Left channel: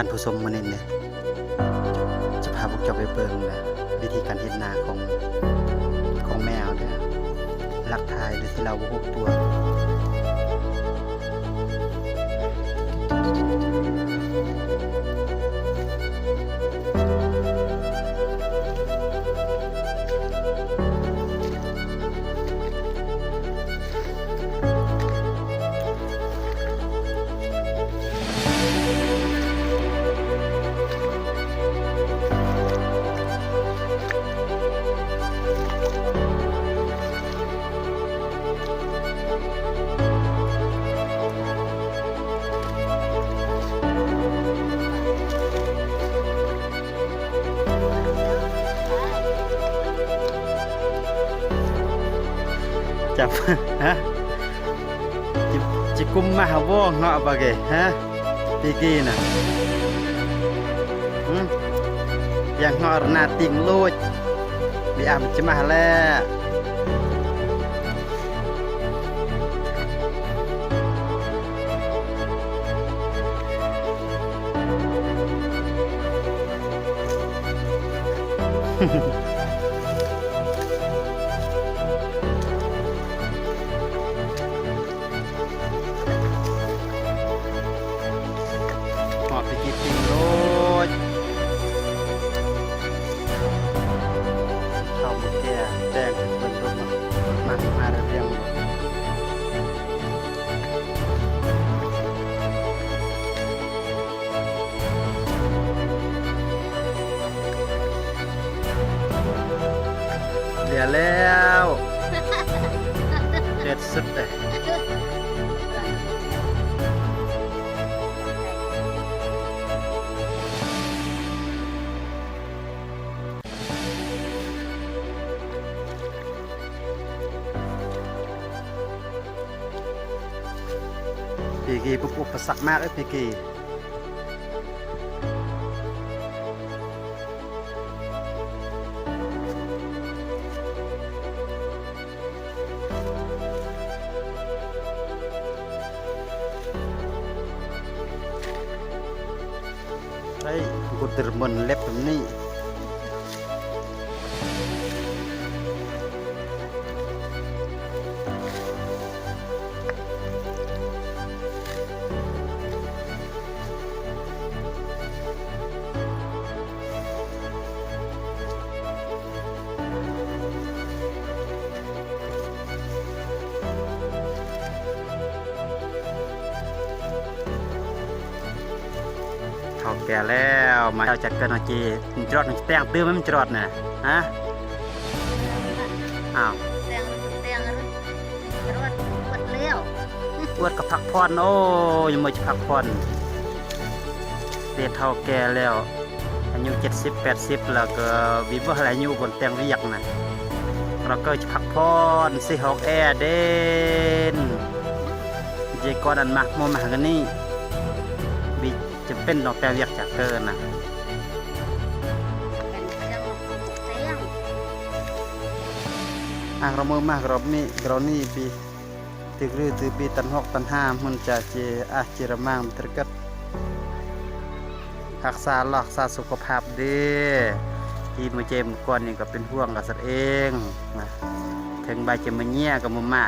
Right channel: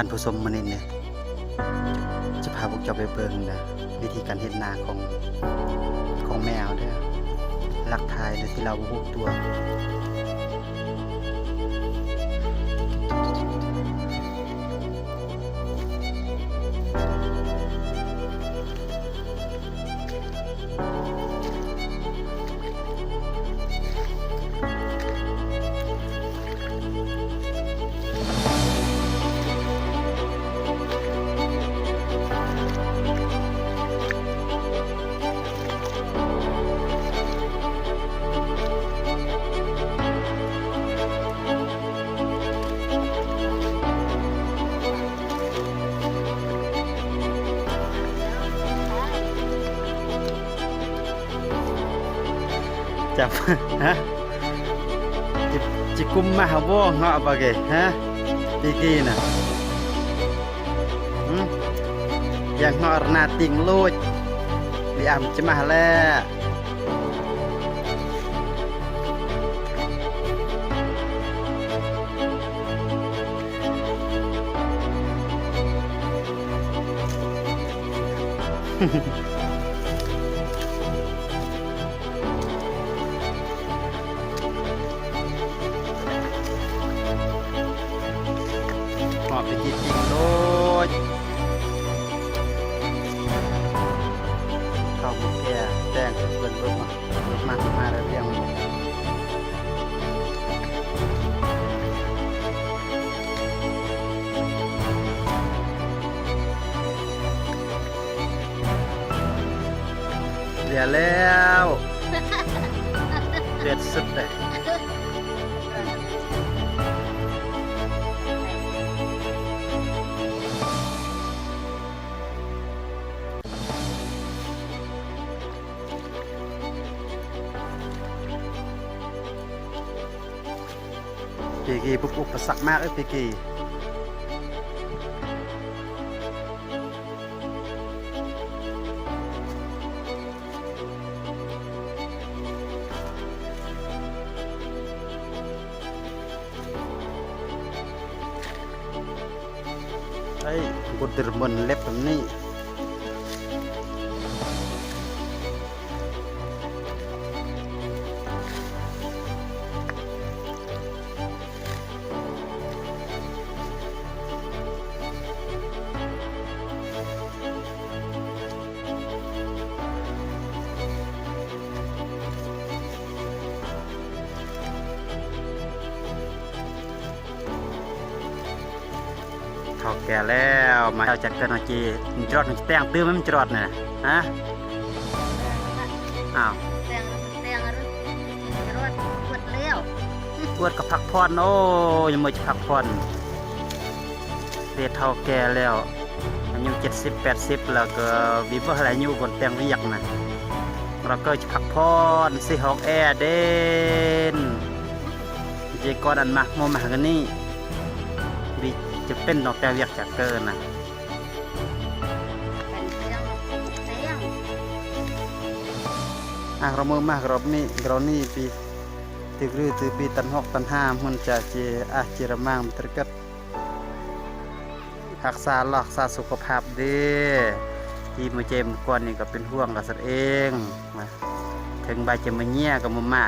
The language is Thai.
ท่านผู้ชมมื้อนี้เนี่ยจะพาพวกเจ้าไปเบิ่งนะวิธีการเฮ็ดนาของแมวเด้อหลักทายโดยที่เราบ่ฮู้ตัวจับ ฮะจิกุมมาหาบ่เงาะปะเกฮะปีกี้น่ะyang ngor nating luj biar cemah le họ pergi tingloj kau mukia teng bentuk rumah ada yang bu dia leo lihat sud deh Pigi ปุ๊บอุปสรรคมากเลยPigiไอ้กูเดินบนเล็บแบบนี้เขาแก่แล้วมาเอาจากกันจีจรอดแต่งตื้อมันจรอดเนี่ยฮะอ้าวแต่งจรอดปวดเลี้ยวปวดกับพักผ่อนโอ้ยังไม่จะพักผ่อนเด็กเท่าแก่แล้วอายุ70-80แล้วก็วิบอะไรอายุบนแต่งเรียกนะเราก็จะพักผ่อนสิหอกแอร์เด่นเจก่อนอันมากโมมากันนี่บิจะเป็นดอกแต่เรียกจากเกินนะเป็นเสียงของเสียงเราเมื่อมากเรานี่บีตึกรือตึกบีตันหกตันห้ามันจะเจเจรมังตรกัดรักษาสุขภาพดีที่มือเจมก่อนนี่ก็เป็นห่วงกับสัตว์เองถึงใบจะมาเงี้ยกับมา